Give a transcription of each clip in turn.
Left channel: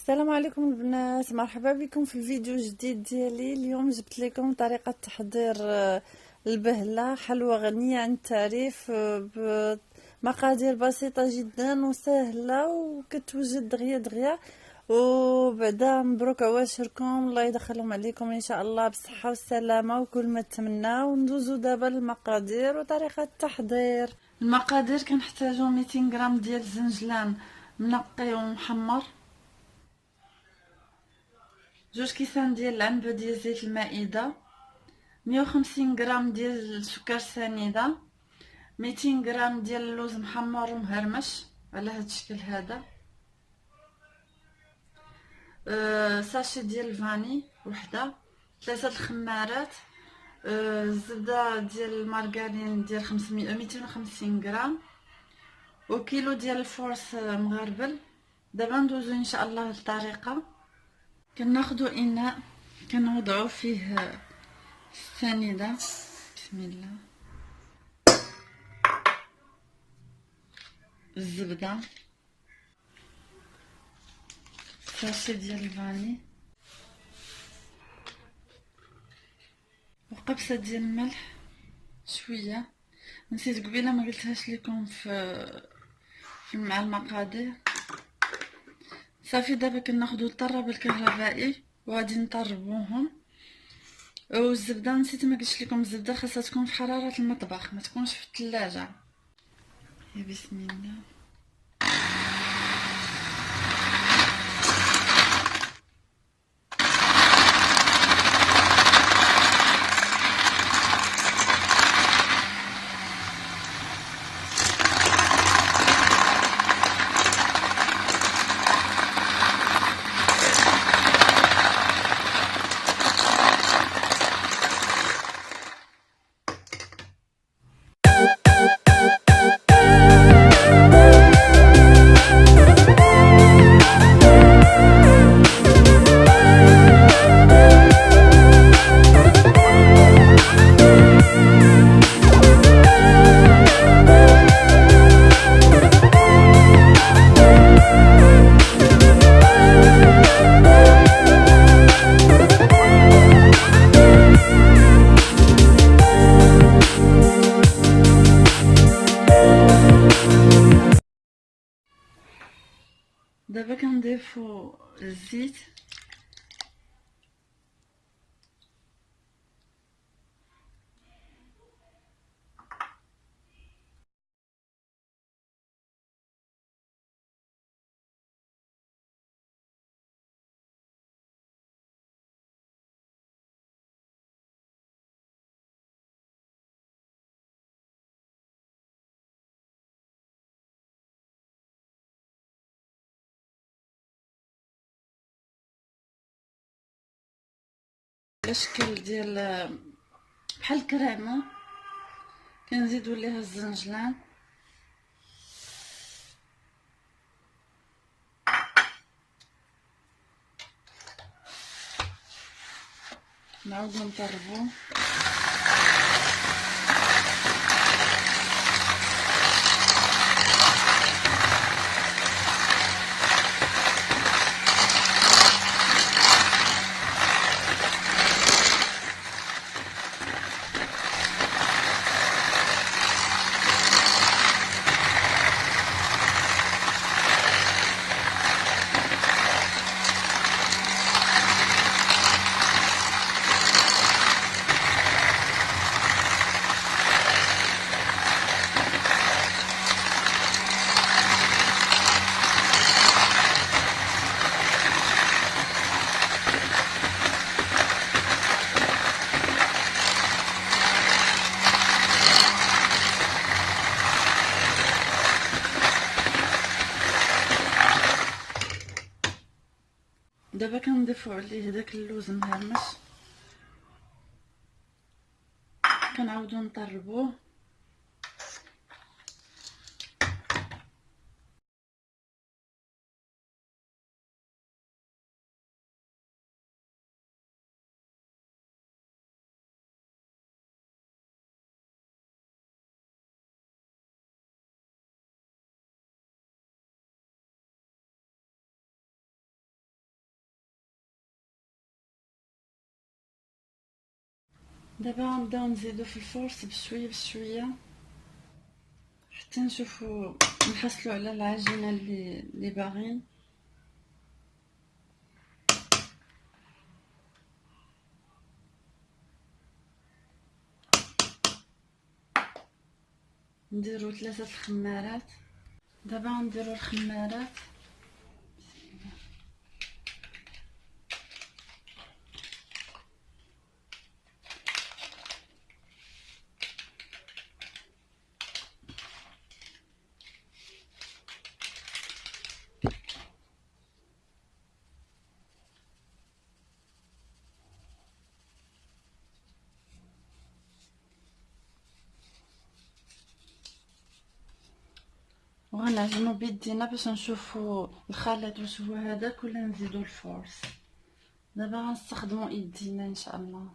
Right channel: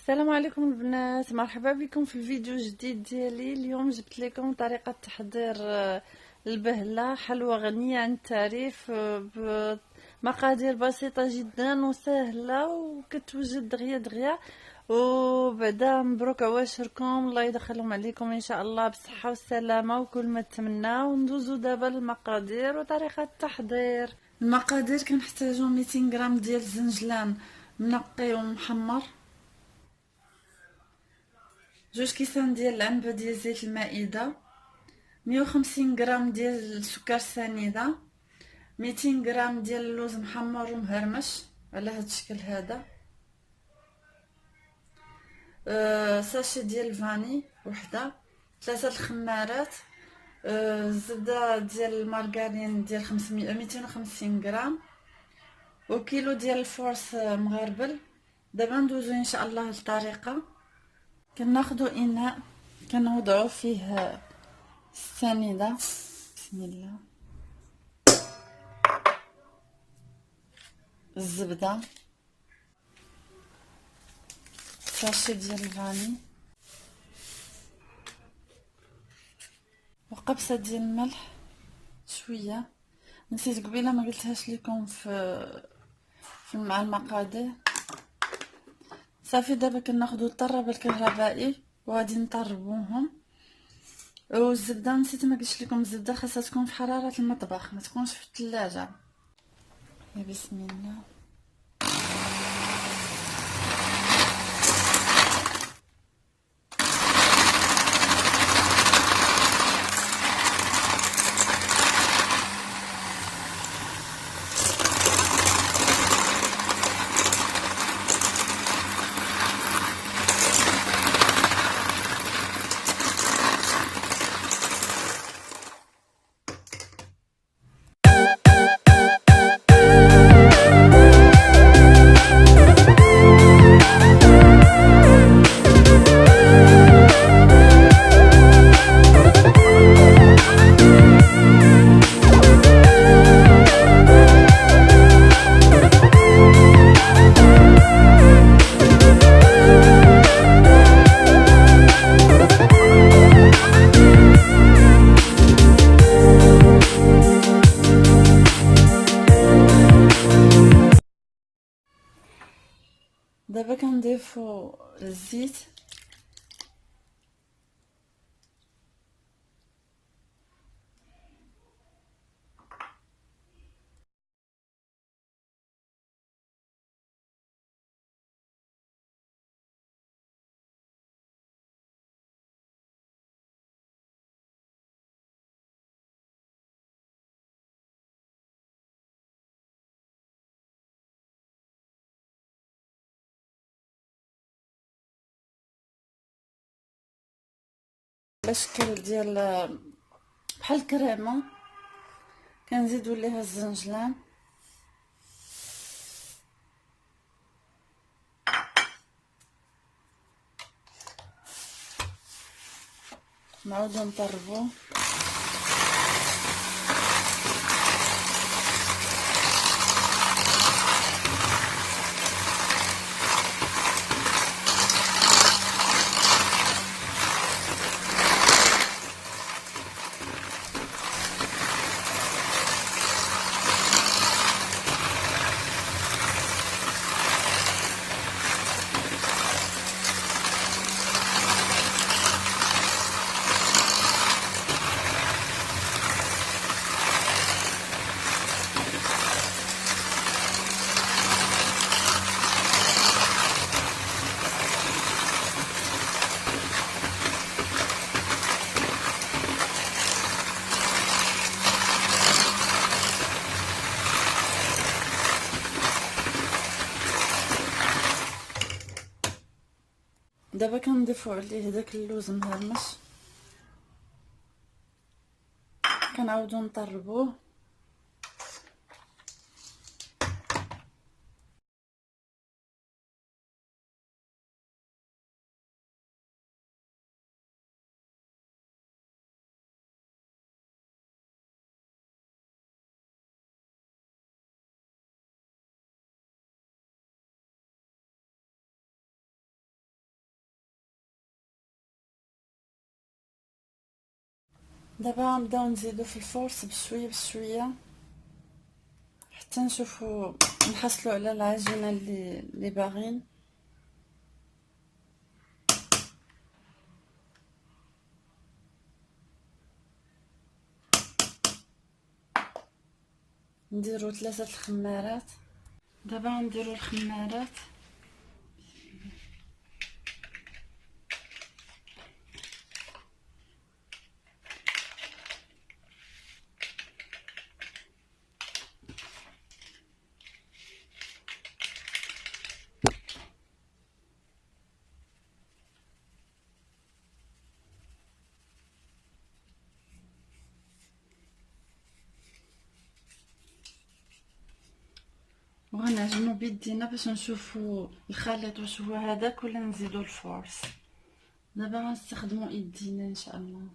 السلام عليكم البنات، مرحبا بكم في الفيديو الجديد ديالي. اليوم جبت لكم طريقة تحضير البهلة، حلوى غنية عن التعريف، بمقادير بسيطة جدا وسهلة وكتوجد دغيا دغيا. وبعدا مبروك عواشركم، الله يدخلهم عليكم ان شاء الله بالصحة والسلامة وكل ما تمنى. وندوزو دابا للمقادير وطريقة التحضير. المقادير كنحتاجو 200 غرام ديال الزنجلان منقي ومحمر، 2 كيسان ديال العنبه ديال زيت المائده، 150 غرام ديال السكر سنيده، 200 غرام ديال اللوز محمر ومهرمش على هذا الشكل هذا، ساشي ديال الفاني وحده، 3 الخمارات، الزبده ديال المارغرين ديال 250 غرام، وكيلو ديال الفورس مغربل. دابا ندوزو ان شاء الله للطريقه. كناخدو اناء كنوضعو فيه السنيده، بسم الله، الزبده، ساشي ديال الفاني، وقبصه ديال الملح شويه. نسيت قبيله ما قلتهاش لكم في مع المقادير. صافي دابا كناخدو الطراب الكهربائي وغادي نطربوهم. والزبده نسيت ما قلتش لكم، الزبده خاصها تكون في حراره المطبخ، ما تكونش في الثلاجه. يا بسم الله. دابا كنضيفو الزيت، على شكل ديال بحال الكريمه. كنزيدو ليها الزنجلان، نعاودو نطربوه. دابا كنضيفو عليه داك اللوز مهرمش، كنعاودو نطربوه. دابا غنبداو نزيدو في الفورس بشويه بشويه حتى نشوفو نحصلو على العجينه اللي باغيين. نديرو 3 الخمارات. دابا غنديرو الخمارات وغنعجنو بيدينا باش نشوفو الخليط واش هو هذاك ولا نزيدو الفورس. دابا غنستخدمو ايدينا ان شاء الله.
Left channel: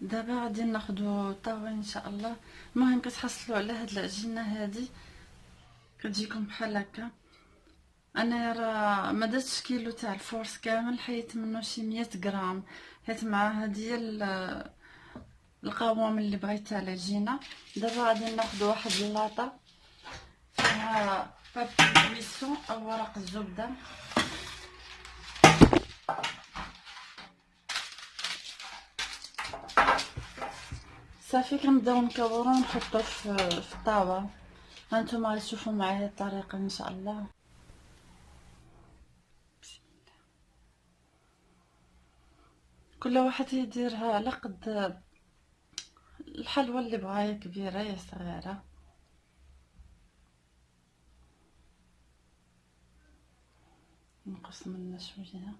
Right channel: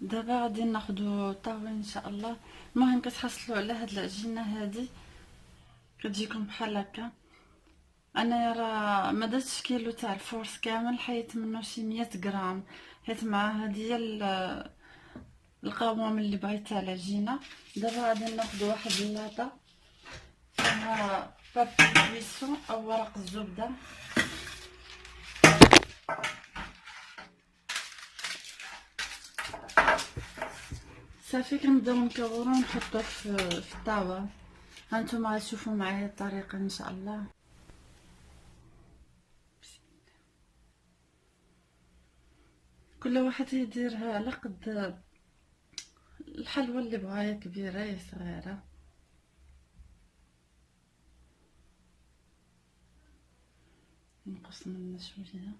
دابا غادي ناخدو طاوين ان شاء الله. المهم كتحصلوا على هاد العجينه هادي كتجيكم بحال هكا. انا راه ما درتش كيلو تاع الفورس كامل، حيت منه شي 100 غرام، حيت مع هادي القوام اللي بغيت تاع العجينه. دابا غادي ناخدو واحد اللاطه فيها بابي بيسون او ورق الزبده. صافي كنبداو نكورو ونحطو في الطاوه. هانتوما غتشوفوا معايا الطريقه ان شاء الله. كل واحد يديرها على قد الحلوى اللي بغاها، يا كبيره يا صغيره. نقص منه شويه.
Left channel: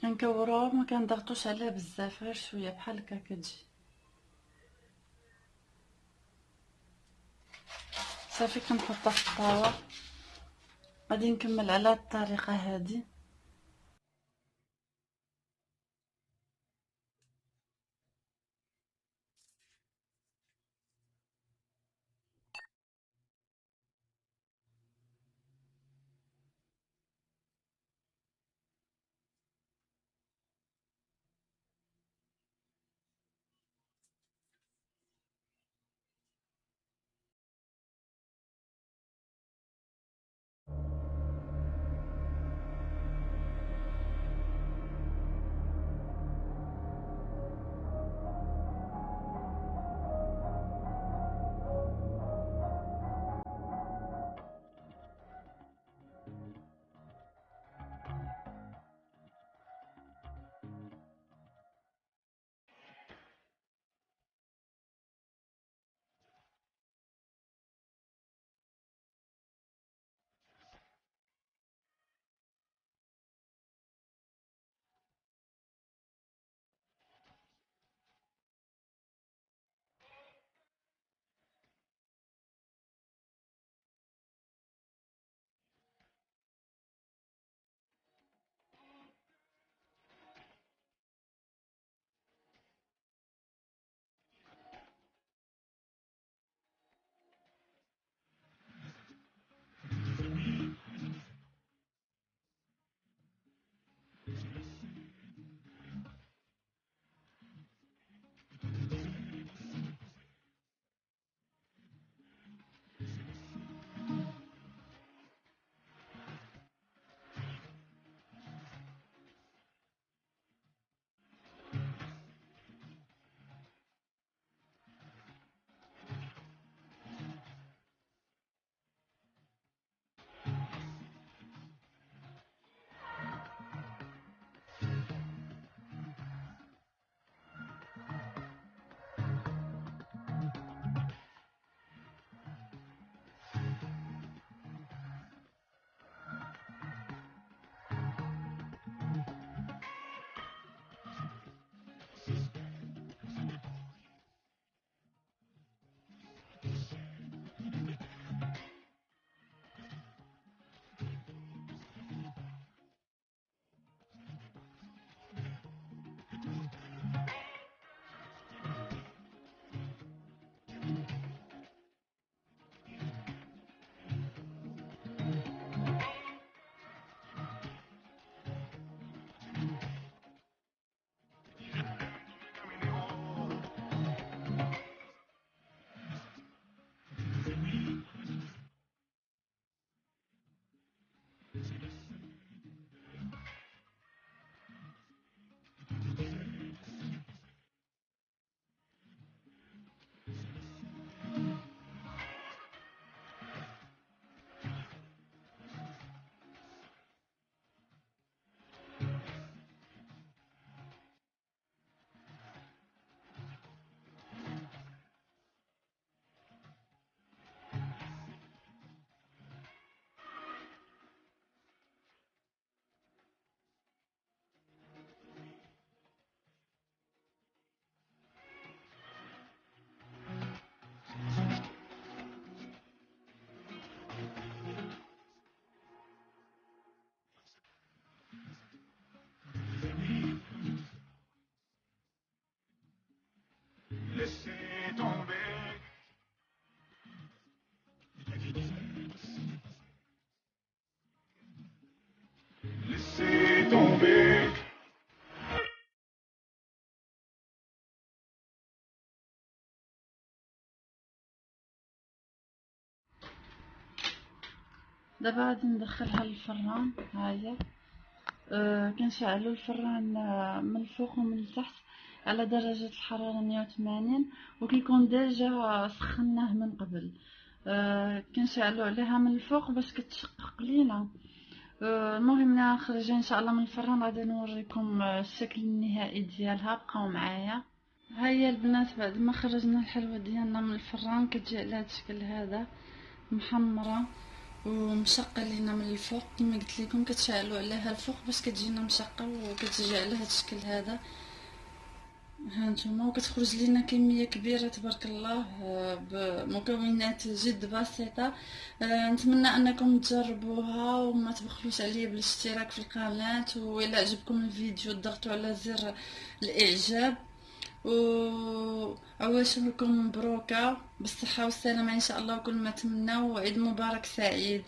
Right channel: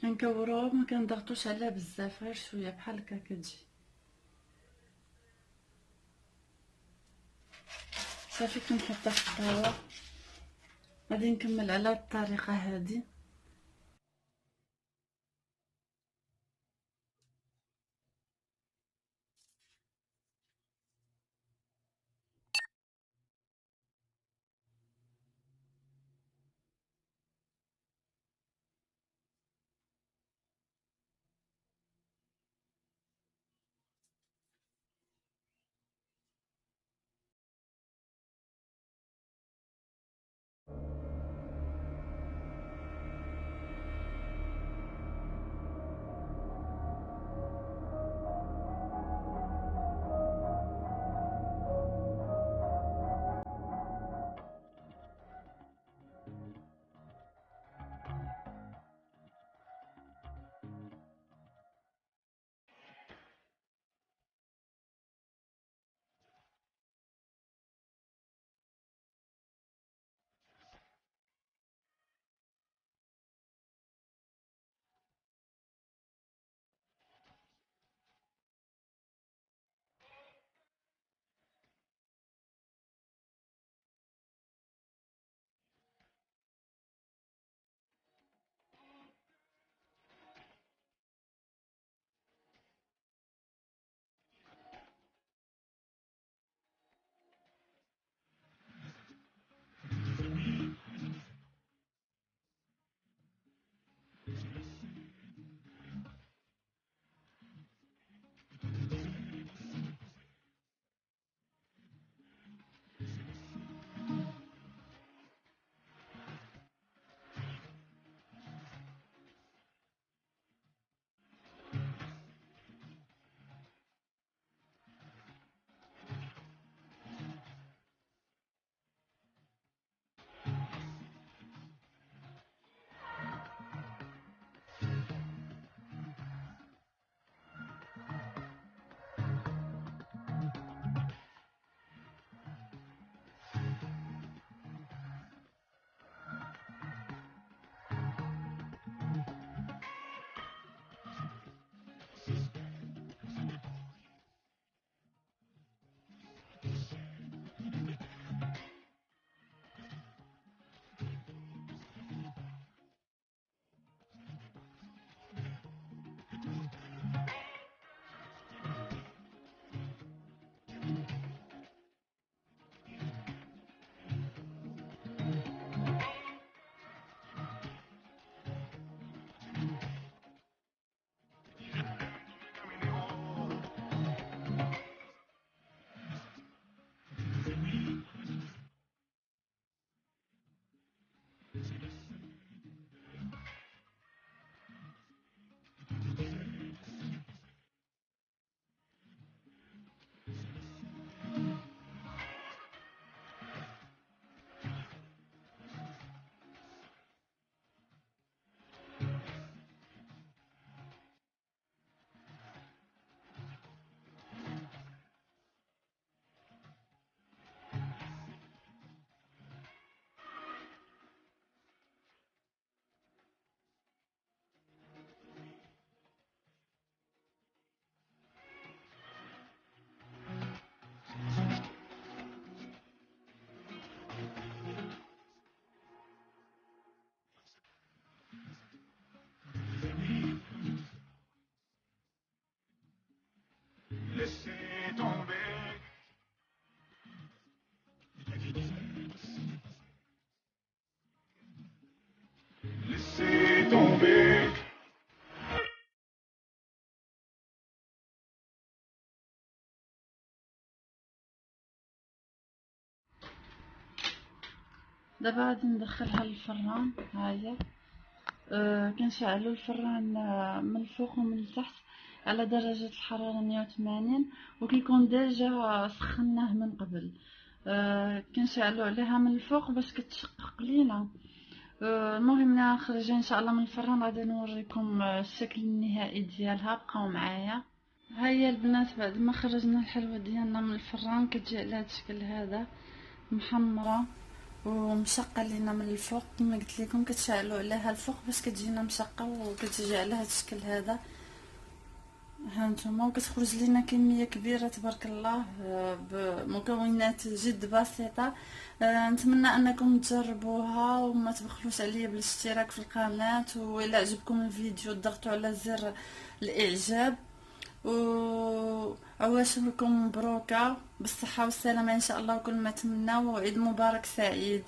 كنكوروه ما كنضغطوش عليه بزاف، غير شويه بحال هكا كتجي صافي. كنحطها في الطاوه، غادي نكمل على هاد الطريقه هادي. Laissez tomber. Laissez tomber. دابا غادي ندخلها للفران. هاهي كنشعلو الفران من الفوق ومن التحت على درجة الحرارة 180، وكيكون ديجا سخناه من قبل. كنشعلو عليها من الفوق باش كتشقق لينا. المهم ملي نخرج ان شاء الله من الفران غادي نوريكم الشكل النهائي ديالها. بقاو معايا. هيا البنات بعد ما خرجنا الحلوى ديالنا من الفران كتجي على هذا الشكل هذا، محمره ومشقه لينا من الفوق كما قلت لكم. كتشعلوا عليها الفوق باش كتجينا مشقه وكتجي على هذا الشكل هذا. ها نتوما، وكتخرج لينا كميه كبيره تبارك الله بمكونات جد بسيطه. نتمنى انكم تجربوها وما تبخلوش عليا بالاشتراك في القناه، والى عجبكم الفيديو ضغطوا على زر الاعجاب، وعواشركم مبروكه بالصحه والسلامه ان شاء الله وكل ما تمنوا، وعيد مبارك سعيد.